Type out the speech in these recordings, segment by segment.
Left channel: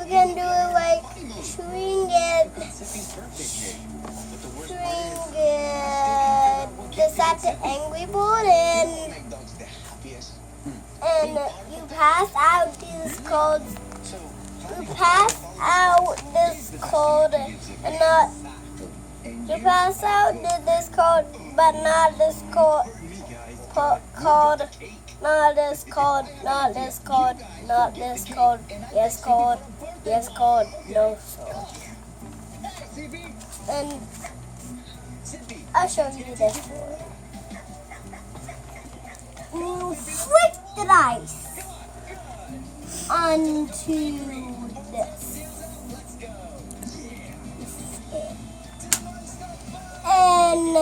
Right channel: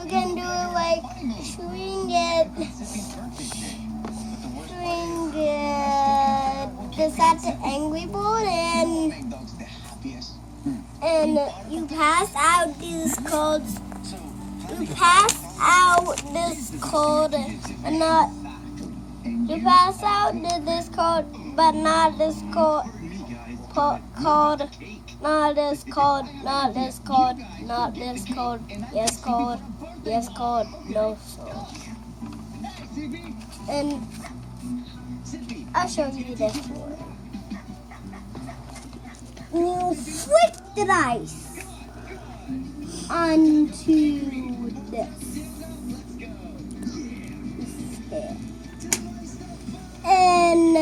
You can do it like swing it. Just at the angry board and you pass out these codes. You pass out this code and not. You pass out this code, but not this code. Code. Not this code. Not this code. Not this code. Yes code. Yes code. No code. And I'll show you this one. You flick the dice onto this. And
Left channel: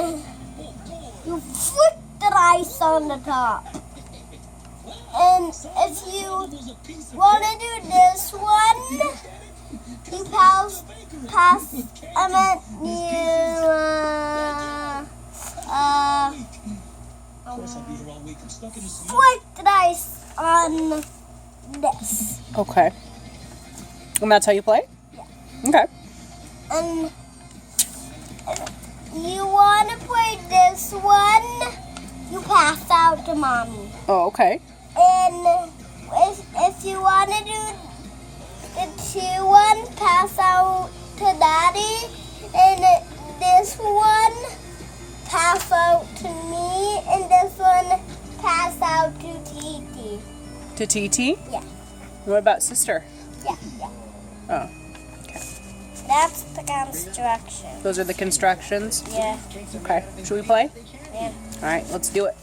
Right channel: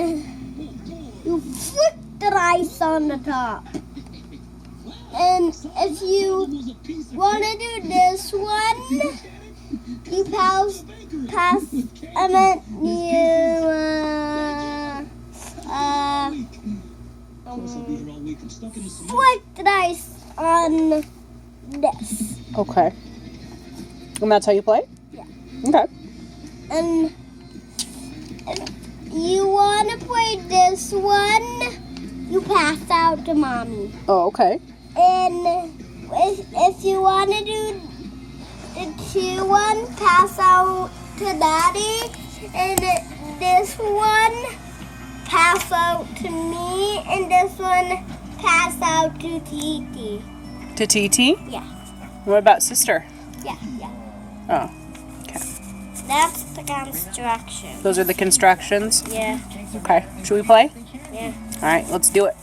you flick the dice on the top. And if you want to do this one, you flick the dice on this. Okay. And that's how you play? Yeah. Okay. And if you want to play this one, you pass out to mommy. Oh, okay. And if you want to do the 2-1, pass out to daddy. And this one, pass out to me. And this one, pass out to Titi. To TT? Yeah. What about sister? Yeah. Oh, That's the construction. those are the constructions? Yeah. Okay. Should we play? Yeah. All right, let's do it.